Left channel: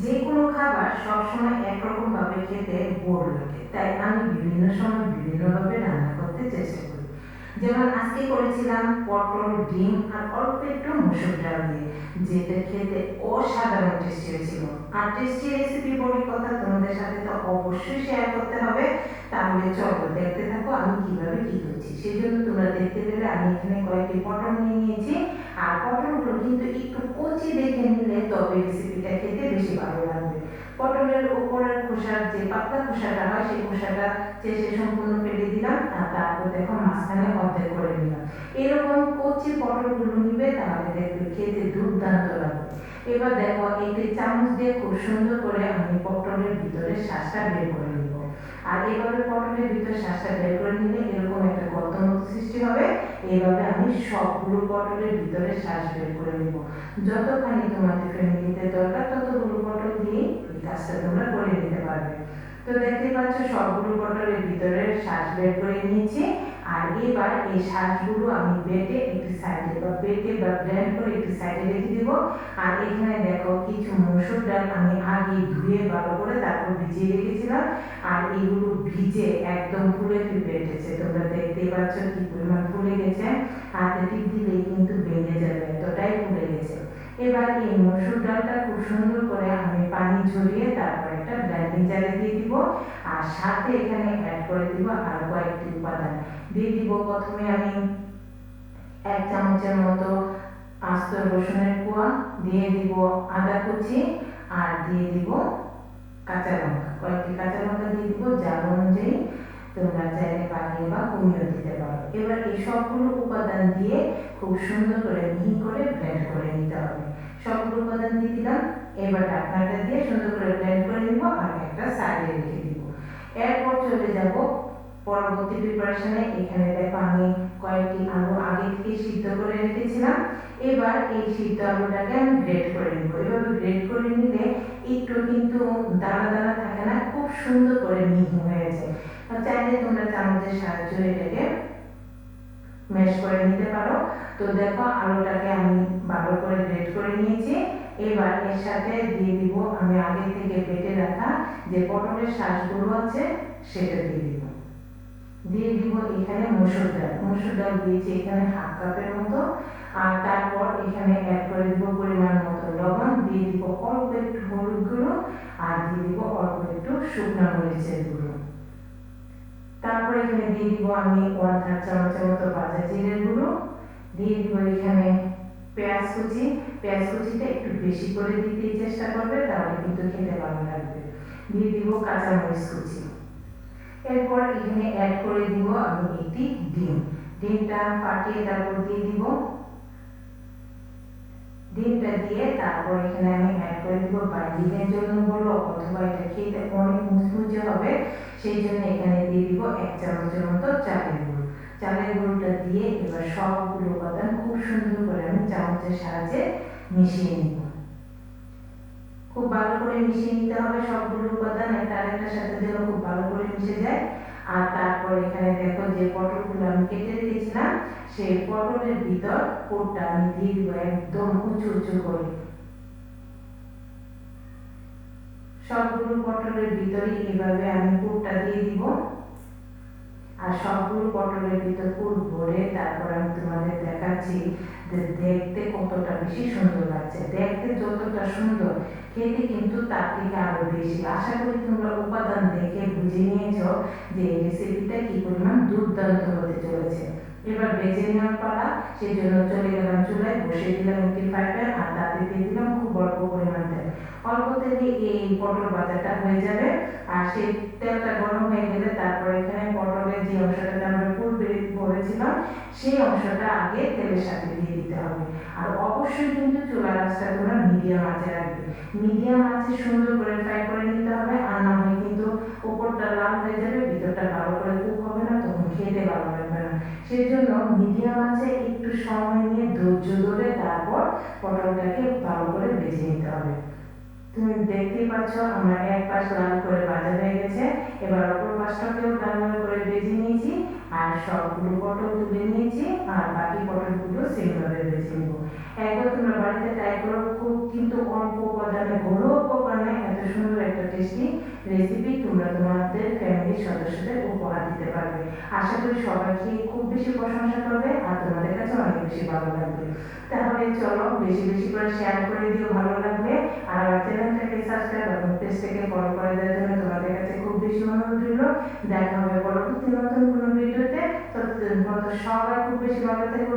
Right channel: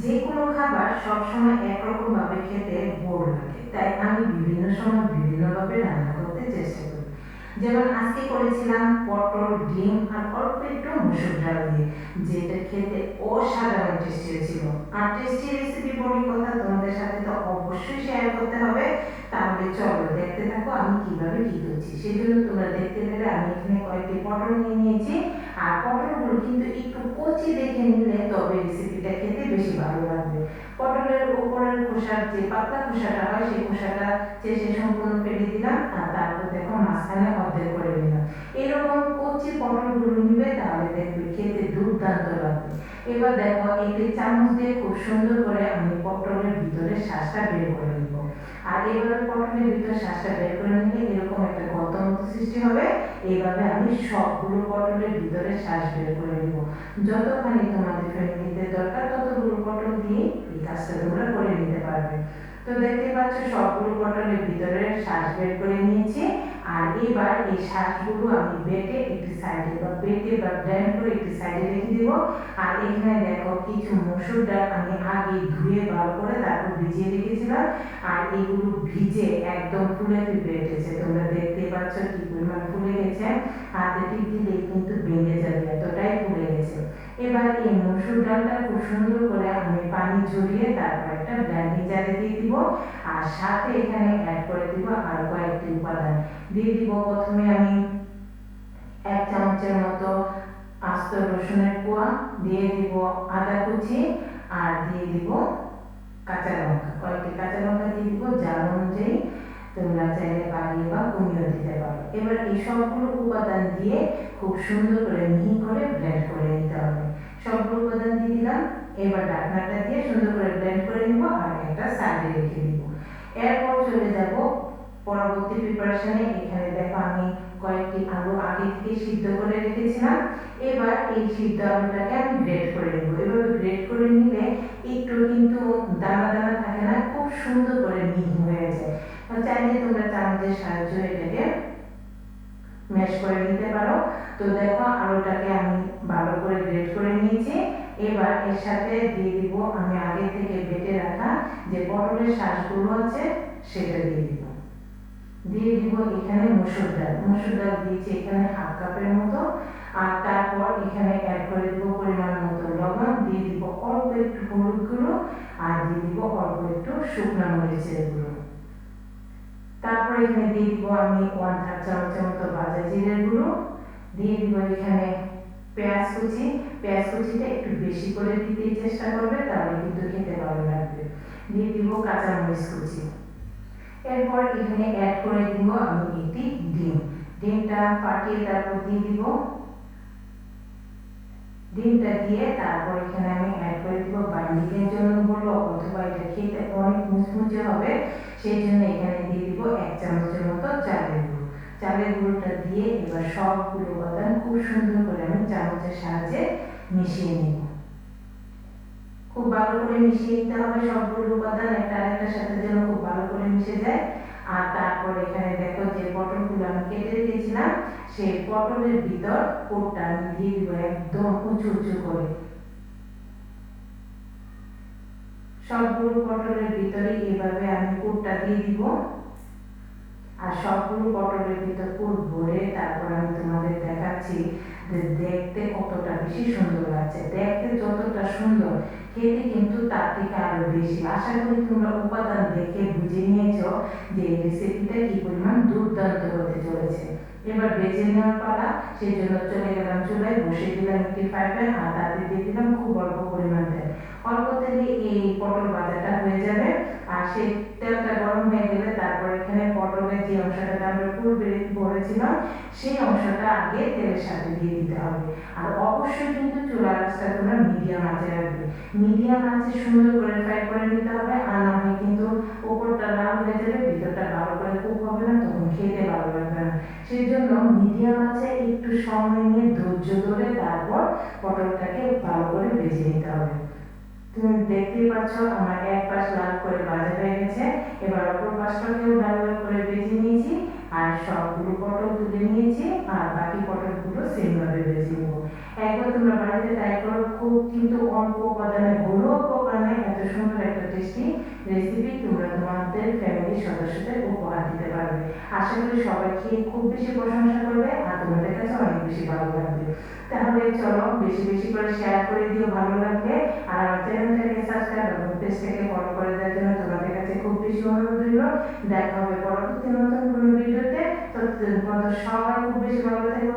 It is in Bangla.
যে কোনো খাবার সবসময় একরকমভাবে খেতে বোর লাগে, তাই আমি বিভিন্ন সময় বিভিন্নভাবে রান্না করতে চেষ্টা করি। যেমন আজকে করেছিলাম পটল, ডিম আর অল্প একটু মসুর ডাল দিয়ে, যেটা খেতে অসাধারণ টেস্টি হয়েছিল। আর টেস্টি রেসিপি বলে কথা, তোমাদের সাথে তো অবশ্যই শেয়ার করতে হবে। তাহলে চলো দেখতে থাকো আমি কিভাবে কি করছি। সেজন্য তোমরা দেখতে পেলে আমি এখানে কয়েকটি পটল নিয়ে নিয়েছি। আর পটলগুলো কিন্তু একটু কচি দেখে নিলে তবে রেসিপিটা খেতে বেশি ভালো লাগবে। পটলের উপরের খোসার যে পাতলা খোসাটা হয় সেই খোসাটা চেষে সম্পূর্ণ ফেলে দিলাম, আর তারপর দেখো মাঝখানে অর্ধেক করে নিলাম। এরকম কচি পটলগুলো নিবে, তাহলে দেখবে খেতে দুর্দান্ত লাগবে। এবার দেখো একটি চামচ দিয়ে খুব সুন্দর করে আমি পটলের ভিতরে শ্বাসটা বের করে নিব। আর এইভাবে পটলের ভিতরে শ্বাসটা বের করে নিলে এরকম একটা গর্ত মতো সৃষ্টি হবে। এইভাবে আমি সবগুলো পটলের ভিতরে শ্বাস বের করে নিব। যতখানি তোমাদের ফ্যামিলিতে দরকার ততগুলো পটল দিয়ে এই কাজটা তোমরা করে নিতে পারবে। তো দেখতেই পাচ্ছ সবগুলো পটলের ভিতরে শ্বাস বের করে নিয়েছি। আর এবার এই শ্বাসগুলো আমি বেটে একটি সাইডে বা ব্লেন্ড করে একটি সাইডে রেখে দিব। আর এখানে দেখো কিছু মসুর ডাল আমি আগে ধুয়ে ভালো করে তারপর ভিজিয়ে রেখেছিলাম। আর এগুলো ভিজে একদম ফুলে ফেপে উঠেছে, তোমরা দেখতেই পাচ্ছ কি পরিমাণ ফুলে গেছে। হাতে টিপ দিলেই কিন্তু ভেঙে যাবে, এতটাই ফুলে গেছে। এবার এই মসুর ডালটা খুব সুন্দর করে আমি পানি ঝরিয়ে তারপর একটা ব্লেন্ডিং জারে দিয়ে দিব। আর সাথে এখানে অ্যাড করে দিব আর কয়েকটি উপাদান দিয়ে দিব। প্রথমে আমি 1 চামচের মতো আস্ত রসুনের কোয়া দিয়ে দিব, আদা কুচি, আর দিয়ে দিব কাঁচা লঙ্কা, কয়েকটি কাঁচা লঙ্কা দিয়ে দিব জাল অনুযায়ী। তোমরা চাইলে বাড়িয়ে বা কমিয়েও দিতে পারো। এবার এই সবগুলো উপাদান দিয়ে খুব সুন্দর করে মিহি করে ব্লেন্ড করে নিতে হবে। সবগুলো উপাদান দিয়ে দিলাম। এবার ঢাকনাটা দিয়ে সুন্দর করে ব্লেন্ড করে নিব আর একটা সাইডে রেখে দিব। এরপর চলে যাব পরবর্তী প্রিপারেশনে। এখানে দেখো আমি কয়েকটি আলু আগে থেকে সিদ্ধ করে রেখেছিলাম। এবার এই সিদ্ধ আলুটাকে আমি গ্রেট করে নিব। এভাবে গ্রেট করে নিলে একটু কিন্তু দানা দানা থাকে না, খুব সুন্দর করে মিহি হয়ে যায়। চাইলে তোমরা চামচের সাহায্যে এটাকে ম্যাশ করে নিতে পারো। তো দেখো আলুটাকে আমি ভালো করে গ্রেট করে নিয়েছি। এবার এর সাথে দিয়ে দিব আমি আগে থেকে বেটে রাখা যে পটলের শাঁসগুলো আছে সেটা দিয়ে দিব। দিয়ে দিব এখানে মসুর ডাল দিয়েছি এখানে 1/2 কাপের মতো। আর তারপর এখানে অ্যাড করে দিব পরিমাণ মতো লবণ, দিয়ে দিব অল্প একটু হলুদ গুঁড়ো, আর দিয়ে দিব অল্প একটু শুকনো মরিচের গুঁড়ো। তারপর এখানে দিয়ে দিব আমি 1/3 চামচের মতো ভাজা জিরের গুঁড়ো। দিয়ে দিব এখানে পেঁয়াজ কুচিটা একটু বেশি করে দিতে চেষ্টা করবে, তাহলে কিন্তু খেতে ভালো লাগবে। দিয়ে দিব কাঁচা মরিচ কুচি। এরপর এখানে অ্যাড করে দিব আমি একটি ডিমটা ফাটিয়ে তারপর দিয়ে দিব। ডিমটা দিয়ে তারপর এখানে আমি অ্যাড করে দিব বাইন্ডিংয়ের জন্য বলবো, অথবা এটা খেতে অনেক মুচমুচে হবে, সেই জন্য এখানে দিয়ে দিব 1 চামচের মতো চালের গুঁড়ো। চালের গুঁড়োটা দিয়ে এবার সবগুলো উপাদান খুব সুন্দর করে আমি চামচের সাহায্যে মিশিয়ে নিব। খুব ভালো করে মিশিয়ে নিতে হবে সবগুলো উপাদান একটা আরেকটার সাথে যেন খুব ভালো করে মিশে যায়। আর তারপর এখানে দেখো যে পটলগুলো আমি কেটে রেখেছিলাম সেই পটলের ভিতর পুরটা আমি দিয়ে দিব একদম উঁচু উঁচু করে। সবগুলো পটলের ভিতরে এভাবে আমি পুরটা দিয়ে দিব। আর সবগুলো পটলের ভিতর পুর ভরে তারপর আমি তোমাদের দেখাচ্ছি যে দেখতে কতটা বেশি সুন্দর লাগছে। দেখতে যতটা সুন্দর, খেতে কিন্তু তার থেকে আরো বেশি। আশা করি তোমরা উপাদান দেখে বুঝে নিয়েছো যে এই রেসিপিটা কি পরিমাণ দুর্দান্ত হতে চলেছে। এবার ভেজে নেওয়ার পালা, সেই জন্য চলে গেলাম চুলায়, বসিয়ে দিলাম একটি ফ্রাই প্যান, আর তাতে দিয়ে দিলাম খুব অল্প পরিমাণ তেল। অল্প তেলে এই পটল ভাজাটা হয়ে যাবে। আর সেই তেলটা গরম হয়ে গেলে তারপর এখানে পটলের যে অংশটাতে আমরা পুর ভরেছিলাম সেই অংশটা আগে তেলের সাথে দিয়ে দিতে হবে। আর অবশ্যই কিন্তু চুলার আঁচটা তোমরা মিডিয়াম আঁচে রাখবে। মিডিয়াম আঁচে সুন্দর করে ফ্রাই করে নিতে হবে, আর না হয় কিন্তু উপরটা লাল হয়ে যাবে, ভিতরটা ভালো করে কুক হবে না, তখন খেতে ভালো লাগবে না। সেই জন্য মিডিয়াম আঁচে একটু সময় নিয়ে ধৈর্য ধরে তারপর পটলটাকে ভালো করে ভেজে নিতে হবে। তুমি দেখতেই পাচ্ছ আমার এক পাশ লাল করে ভাজা হয়ে গেছে। এবার অপর পাশটাকেও লাল লাল করে ভেজে নিয়েছি। আর সবগুলো পটল তুলে নিয়েছি, আর বাকি পটলগুলো সেমভাবে ভেজে নেব। একবার তোমরা বাড়িতে ট্রাই করো, খুব কিন্তু অল্প উপাদানে ঘরোয়া উপাদানে ফ্যামিলির সদস্যদের উপহার দিতে পারবে। আশা করি সবাই খেয়ে খুব বেশি প্রশংসা করবে আর তোমাদের কাছে অনেক বেশি ভালো লাগবে। তাহলে চলো বেশি বেশি করে শেয়ার করে দিও ভালো লাগলে, আর আমার চ্যানেলটাকে সাবস্ক্রাইব এবং পেজটাকে ফলো করে দেওয়ার জন্য তোমাদের কাছে খুব বেশি অনুরোধ রইল। দেখা হবে পরবর্তী নতুন কোনো ভিডিওতে। ততদিন পর্যন্ত সবাই খুব বেশি ভালো থেকো।